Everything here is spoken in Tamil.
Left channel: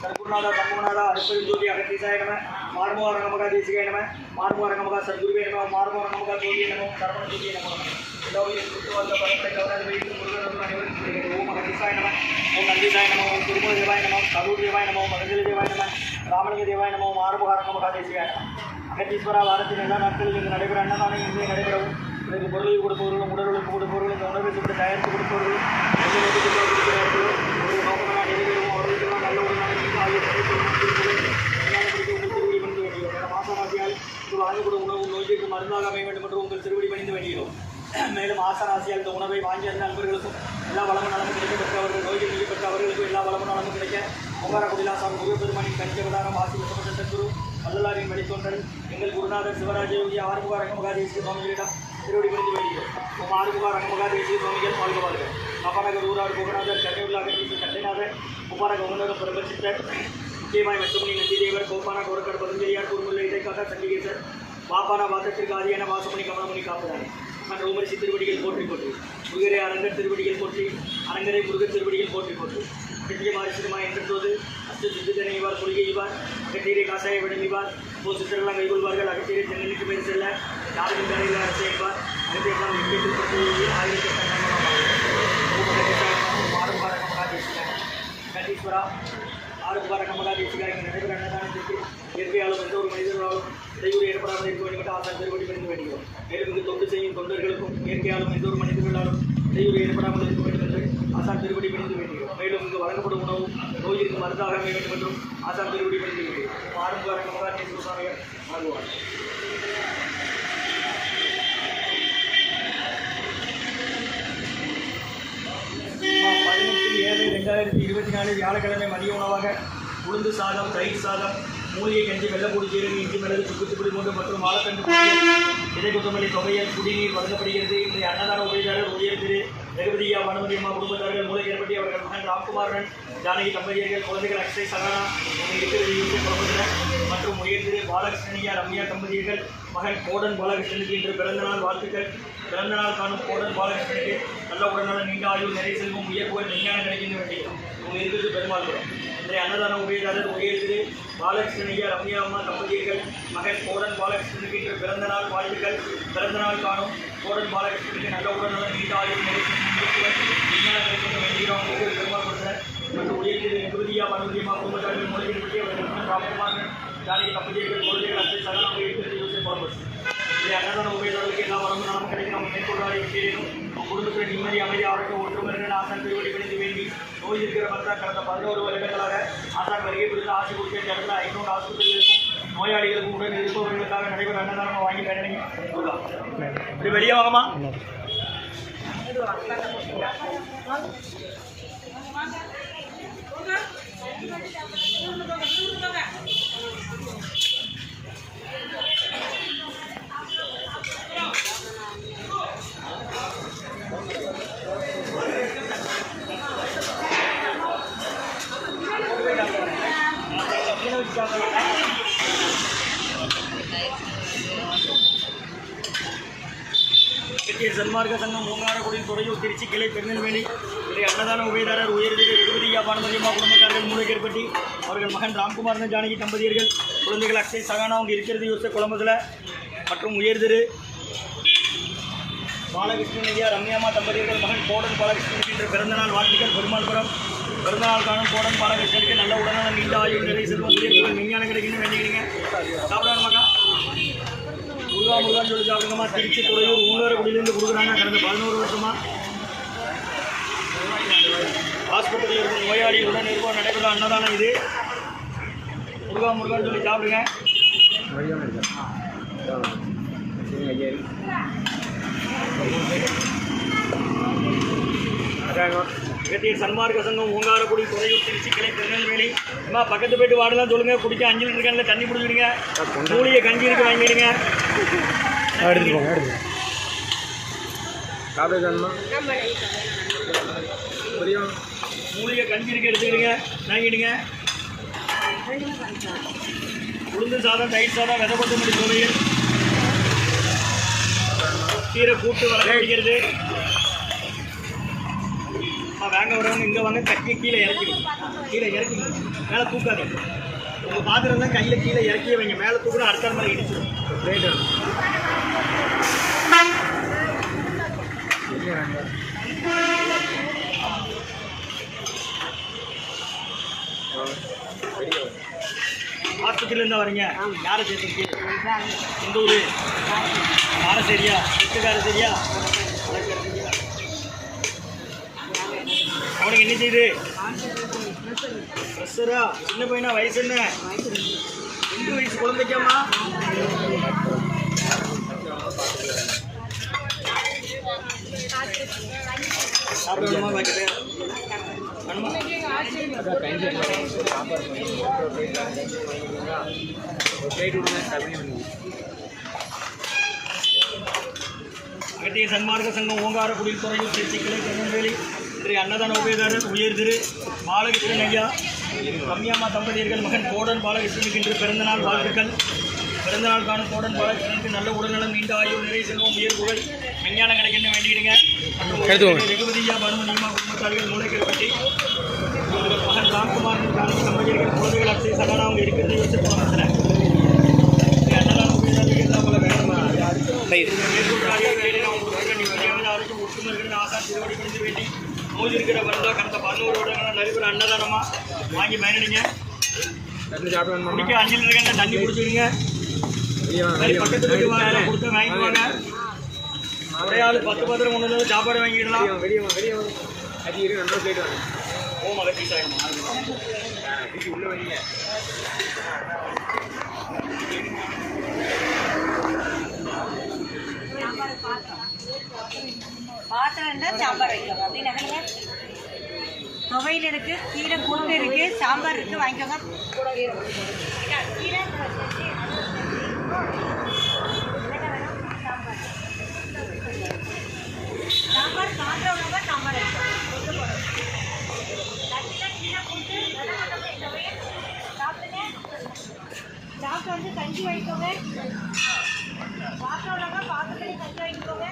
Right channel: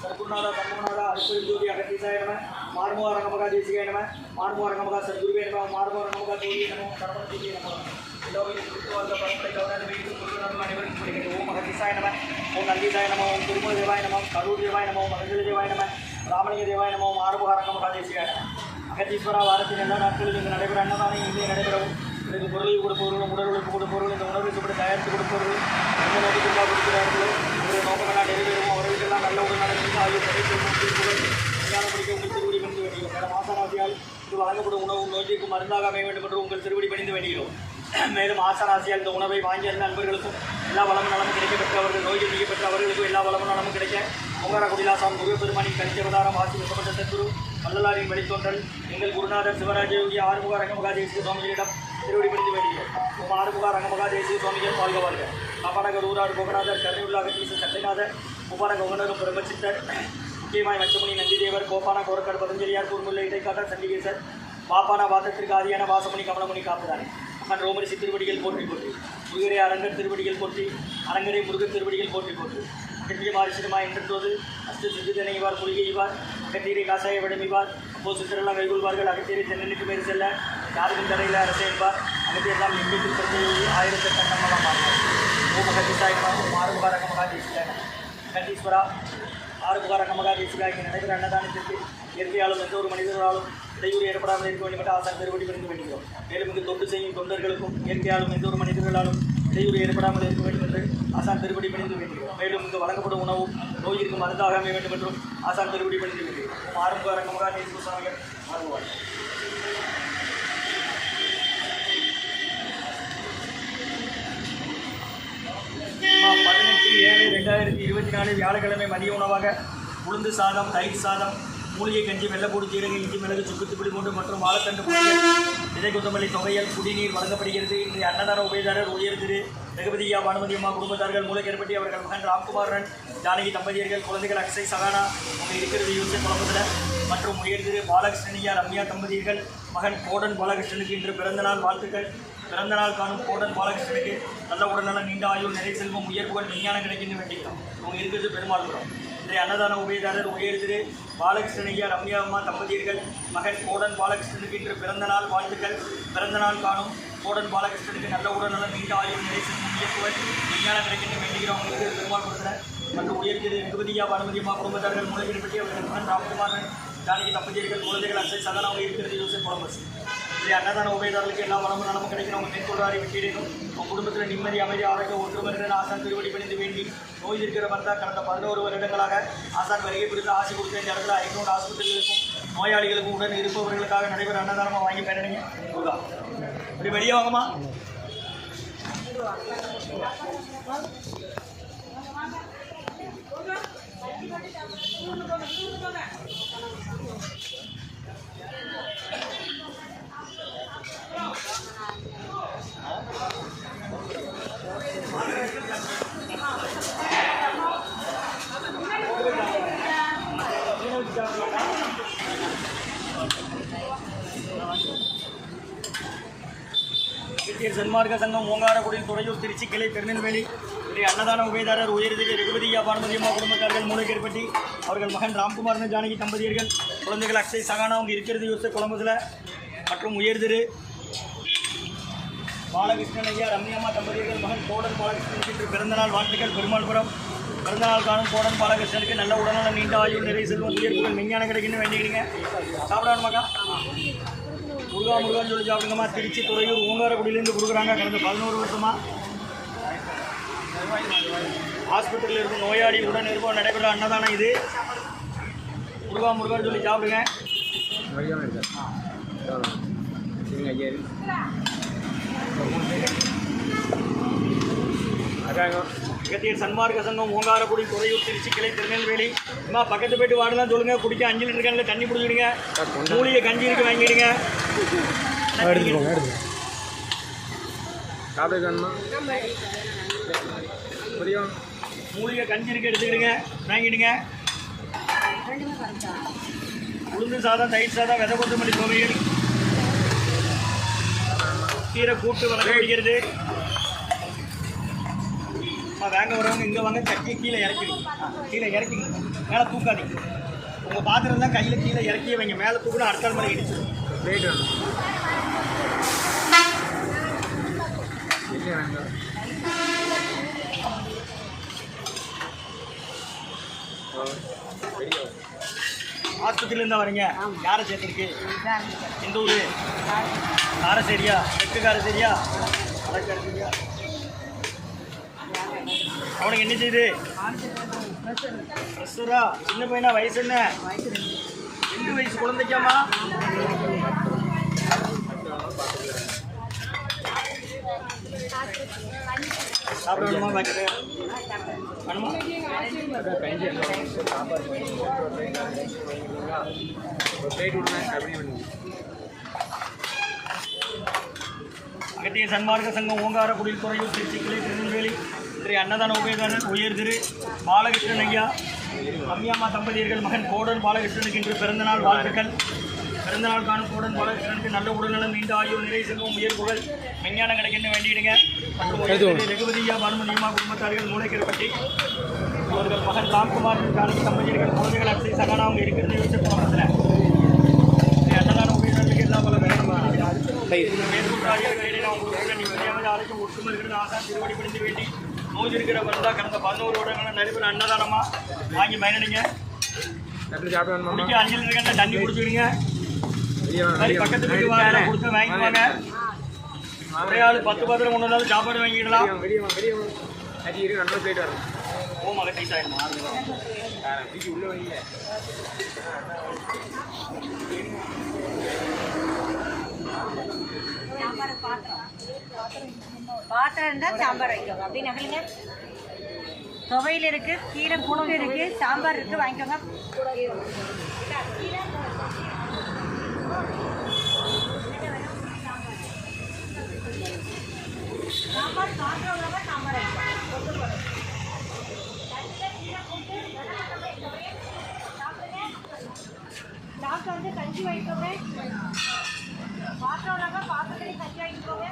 சர்க்குருநாதா சண்முகநாதா அருப்பெரும் ஜோதி அகத்தீசாய நம மார்மோக ரங்கமகா தேசிகாய நம மார்மோக ரங்கமகா சர்க்குருவே நம மார்மோக ரங்கமகா ஜோதியே நம சரவண ஜோதியே நம எல்லோரையும் சுற்றுவாழ்ந்த பரம்பரை கவராது வைத்து முருகன் அனைவருக்கும் கிடைக்கிறது. ஓம் அகத்தீசாய நம ஓம் நந்திசாய நம ஓம் திருமூல தேவாய நம கரூர் தேவாய நம ஓம் மகஞ்சலி தேவாய நம ராமலிங்க தேவாய நம மார்மோக ரங்கமகா தேசிகாய நம. அகத்தீஸ்வரா வாரத்தின் எல்லா நாட்களிலும் இங்கு நடைபெற அன்னதானம் இங்கே நடைபெறவும் இதற்கு பொருளை கொடுப்பவர்களும் உடலுக்கு கொடுப்பவர்களும் இந்த உணவை இப்படி தயாரித்து கொடுப்பவர்களும் எந்த நோக்கத்திற்காக கொடுக்கிறார்களோ அவர்கள் நோக்கங்களாக நிறைவேறும் அவர்களுக்கெல்லாம் நல்ல உடனாக ஆகிய திருவடி பணிந்து வேண்டுகிறோம். மேலும் ஆசாராசியால் இது வழங்கப்படும் உணவு நோய்க்கு மருந்தாக அமைய வேண்டும் என்று உங்கள் திருவடி பணிந்து வேண்டுகிறோம். மேலும் ஆசாராசியால் இந்த உணவை வாங்கி அந்த நண்பர்களுக்கும் எல்லா வளமும் நலமும் கிடைக்கப்பெற்ற அவர்கள் நோய்கள் நீக்கப்பெற்ற அவர்களுக்கும் எல்லா வளமும் நலமும் கிடைக்க ஓங்கார குடிலாசான் முருகப்பெருமானின் கனிஜவதாரம் ஆசி வசப்பட்ட சத்குரு வள்ளலாரின் வழித்தோன்றல் எங்கள் குருநாதர் சிவராஜ யோகி ஆறுமுக ரங்கமகா தேசிய சுவாமிகளிடம் திருவடி பணிந்து வேண்டுகிறோம். ஓம் ஆறுமுக ரங்கமகா தேசிய சுவாமிகள் வாழ்க வாழ்க. காப்பாநகர் ஊரார் கோகநாதர் கருணையுள்ளாக சட்டைநாதர் குமார கவுனகம் பிரபச்சித்தர் முக்கியமாய் மச்சமுனி நந்திதேவர் கோப்பான கோரக்காடு பதஞ்சலியார் குறுமுல்ல இடைக்காக சண்டிகேசர் பாப்பான வாசத்திற்கு ஆதியான வாசமணி கமலமணி காப்பதானே மன் ரோமரிசி திருவடிகள் போற்றி போற்றி முருகரை அரங்கர் திருவடிகள் போற்றி அரங்கரை முருகர் திருவடிகள் போற்றி போற்றி கட்டிய மாரிசிறுமா என்றோது அஸ்து சித்திதனைவார் புலிகைவார் அகத்தீரை காசாய விடமிவார் போ சித்திரெல்லாம் கைகொள்வார்கள் அகத்தீரை தென்னனுக்கு மேல் செல்ல யாருக்கும் தரையில் அரசைப்பார் அகத்தியெல்லாம் எங்கேயும் பற்றி ஆயிரக்கணக்கான ஓம் அகத்தீசாயம் ஆறுமுக ரங்கமகா தேசிகாய கண்டீஸ்வரா ஆறுமுக ரங்கமகா தேசிகாய நடைபெற அன்னதானத்திற்கு இயற்கையாலும் எந்த ஒரு மனிதர்களாலும் இடையூறு ஏற்படாமல் இருக்க வேண்டும் என்று ஆசான் திருவடி பணிந்து வேண்டுகிறோம். மேலும் இங்கு தொண்டு செய்யும் தொண்டர்களுக்கும் இயற்கையாலும் எந்த ஒரு மனிதர்களாலும் இடையூறு ஏற்படாமல் இருக்க வேண்டும் என்று ஆசான் திருவடி பணிந்து வேண்டுகிறோம். மேலும் இங்கு வழங்கப்படும் உணவும் நோயிற்கு மருந்தாக அமைய வேண்டும் என்றும் ஆசான் திருவடி பணிந்து வேண்டுகிறோம். ஆறுமுக ரங்கமகா தேசிக சுவாமிகள் ஆகுவார். 18/7/2024 வியாழக்கிழமை மதிய உணவாக உளுந்து சாதம், தயிர் சாதம், மூலிகை கஞ்சி, வெள்ளப்பூடி, ஜீரக, இஞ்சி, மிளகு, சுக்குத்துப்புளி மூன்று மற்றும் வாழைத்தண்டு பொரியல், விதை கொத்தமல்லி தொகையல், குடிநீர் வழங்கப்படுகிறது. இன்றைய அன்னதான உபயதாரர் உயர் திரு ரகுபதியா பானுமதியம்மா குடும்பத்தார்கள் மூலக்கேற்பட்டி அவர்கள் மகன் ராம்குமாரன் ஜானகி தம்பதியர்கள் குழந்தைகள் அக்ஷய் சகானா அவங்க இருக்கிறது யூசை குழம்புகள் மற்றும் உயர் திரு பாலகிருஷ்ணனியா ரம்யா தம்பதியர்கள் மகன் கோடன் பாலகிருஷ்ணனுக்கு இன்று பிறந்தநாள் வாழ்த்துக்கள். பிறந்தநாள் காணும் கோடன் பாலகிருஷ்ணனுக்கு நல்ல உடல்நல நீண்ட ஆயுள் நிறை செல்வம் உயர்வுகள் விஞ்ஞானம் கிடைக்கின்ற வேண்டியிருக்கும். அவங்க இருக்கிறது பெருமாள்புரம். இன்றைய அன்னதான உபயதாரர் உயர் திரு பாலகிருஷ்ணனையா ரம்யா அம்மா தம்பதியர்கள் மகன் கோடன் பாலகிருஷ்ணனுக்கு இன்று பிறந்தநாள் வாழ்த்துக்கள். பிறந்தநாள் காணும் கோடன் பாலகிருஷ்ணனுக்கு நல்ல உடல்நலம் நீண்ட ஆயுள் நிறை செல்வம் உயர்வுகள் விஞ்ஞானம் கிடைக்கின்ற வேண்டுகிறோம். இருக்கிறது பெருமாள்புரத்தினர் மற்றும் உயர் திரு ரகுபதியா பானுமதியம்மா குடும்பத்தார்கள் மூலக்கேற்பட்டி அவர்கள் மகன் ராம்குமாரன் ஜானகி தம்பதியர்கள் குழந்தைகள் அக்ஷய் சகன் அவங்க இருக்கிறது யூசை குழம்பு. இன்றைய அன்னதான உபயதாரர்களுக்கு எல்லா வளமும் நலமும் கிடைக்கும். அவங்க மேற்கொள்ளாரி வெற்றியிலும் அவங்க குடும்பத்தில் நிம்மதி, அமைதி, ஆரோக்கியம், ஒற்றுமை ஆசான் திருவடி பணிந்து வேண்டி நோய் இருக்கிற பக்தா கடந்த 11 வருடங்களாக ஆசான் வருகை பிடித்து ஆசி கொடுத்த இந்த இடத்துல 500 ஆஸ்பத்திரியில் இருக்கும் நோயாளிகளுக்கும் உடன் இருப்பவர்களுக்காக நடைபெற அன்னதானமாக வாங்கி பயணிங்க. இப்படி வெளியே வாங்கம்மா. சன்மார்க்க சங்கம் ஓங்காரக்குடியில் துறையூர் திருச்சி கிளை திருநெல்வேலி. இன்றைய அன்னதான உபயதாரர் உயர்திரு ரகுபதியா பானுமதியம்மா குடும்பத்தார்கள் மூலக்கேற்பட்டி அவர்கள் மகன் ராம்குமாரன் ஜானகி தம்பதியர்கள் குழந்தைகள் அக்ஷய் சகானா அவங்க இருக்கிறது யூசை குழம்புல மற்றும் உயர்திரு பாலகிருஷ்ணனையா ரம்யாமா தம்பதியர்கள் மகன் கோடன் பாலகிருஷ்ணனுக்கு இன்று பிறந்தநாள் வாழ்த்துக்கள். பெருமாள்புரம். பிறந்தநாள் காணும் கோடன் பாலகிருஷ்ணனுக்கு நல்ல உடல்நல நீண்ட ஆயுள் நிறை செல்வம் உயர்வுகள் விஞ்ஞானம் கிடைக்குன்னு வேண்டிக்கிறீங்க. சாப்பிடணுமாக்கா? முருகான்னு சொல்லி சாப்பிடுங்கம்மா. திருச்சி துறையூர் ஊங்காரக்குடியிலேருந்து கொடுக்குறாங்க. கடந்த 11 வருஷமாக ஆஸ்பத்திரியில் இருக்கும் நோயாளி உடன் இருப்போம் நடைபெற அன்னதானம் இது. முருகான்னு சொல்லி சாப்பிடுங்க. அகத்தியர் சன்மார்க்க சங்கம் ஓங்காரக்குடி துறையூர் திருச்சி கிளை திருநெல்வேலி. அம்மா பக்கத்து போய்ட்டு வாடலாம் சொல்லுங்கள். குடிக்க 5 லிட்டர் கேனில் தண்ணி பிடிச்சிடுங்க. மூலிகை கஞ்சி இருக்கு வாங்கிடுங்க. மூலிகை கஞ்சி இருக்கு எடுத்துக்கிடுங்க வாங்கிடுங்க. உளுந்து சாதம், தயிர் சாதம், விதை கொத்தமல்லி துவையல், கீரை கூட்டு வழங்கப்படுகிறது. வாங்க வரவங்க இங்கே வாங்க கட்டி கீழே இறக்கிடுங்க. கீழே இறக்கிங்க, மேலே தூக்காதீங்க. உங்கள் பாத்திரம் தான் கையில் கீழே இறக்கி வைங்க. மேலே தூக்கினா அடுத்த மேலே இடிச்சிடும். ரைட் ஆஸ்பத்திரியிலேருந்து வரீங்க. யாரை சேர்த்துருக்கு? எந்த ஊர்? காரசேரியா? வெட்டு காரசேரியா? சரியா? அவனுக்கு என்ன செய்யுது? ப்ரெஷரா? சின்ன பையனா? வயசு என்ன? 2 வயசு குழந்தைக்காமா? சாப்பிடணுமா? பாக்கிட்டு வேணுமா? அகத்திய சன்மார்க்க சங்கம் ஓங்கார குடித்துறையில் திருச்சி கிளை திருநெல்வேலி இன்றைய அன்னதான உபயதாரர் உயர் திரு பாலகிருஷ்ணன் ஐயா ரம்யாமா தம்பதியர்கள் மகன் கோடன் பாலகிருஷ்ணனுக்கு இன்று பிறந்தநாள் வாழ்த்துக்கள். பிறந்தநாள் காணும் கோடன் பாலகிருஷ்ணனுக்கு நல்ல உடல்நலம், நீண்ட ஆயுள், நிறை செல்வம், உயர் புகழ், விஞ்ஞானம் கிடைக்கன்னு வேண்டிடுங்க. மற்றும் வெகுமதியா மருமணியமா குடும்பத்தார்கள் மூளைக்கருப்பட்டி அவர்கள் மகன் ராம்குமார் காணிக்கு தம்பதியர்கள் குழந்தைகள் அப்சை சகானா அவங்க இருக்கிறத யோசிச்சு போனேன். அன்னதான உபயதாரர்களுக்கு எல்லா பல மேற்கொள்றார்கள் வேலை நான் உங்களுக்கு நிம்மதியாக ஆரோக்கியம் ஒற்றுமை இருக்கிறது ஆசான் திருவடி பிடிந்து வேண்டி நோய் இருக்கிற வந்தா கடந்த 11 வருடங்களாக நடைபெற அன்னதானமாக வாங்கி பயனடைங்க. குடிக்க அஞ்சல் இருக்க தண்ணி குடிச்சுடுங்க. பக்கத்து வீட்டு வாங்க கொடுத்து வாங்கிக்குவாங்க. ஒரே ஆள் 10 பாத்திரம் ஒன்று இல்லாத சாப்பாடு வாங்கிக்கலாம். ஓ மகத்தி சாயம் பாத்திரம் இருந்தால் சாம்பார் வைக்கோங்க. அப்படின்னு துவையில் இருக்கு, கீரை கூட்டு இருக்கு, சாம்பார் இருக்கு, வாங்கிக்கோங்க. சாம்பார் சாப்பிட உள்ளவங்க சாம்பார் வைக்கோங்க. கீரை கூட்டு சாப்பிட்டு வந்து கஞ்சி வாங்கிக்கோங்க. பாத்திரம் உள்ளவங்க பாத்திரத்துலேயும் கஞ்சி வாங்கிக்கோங்க.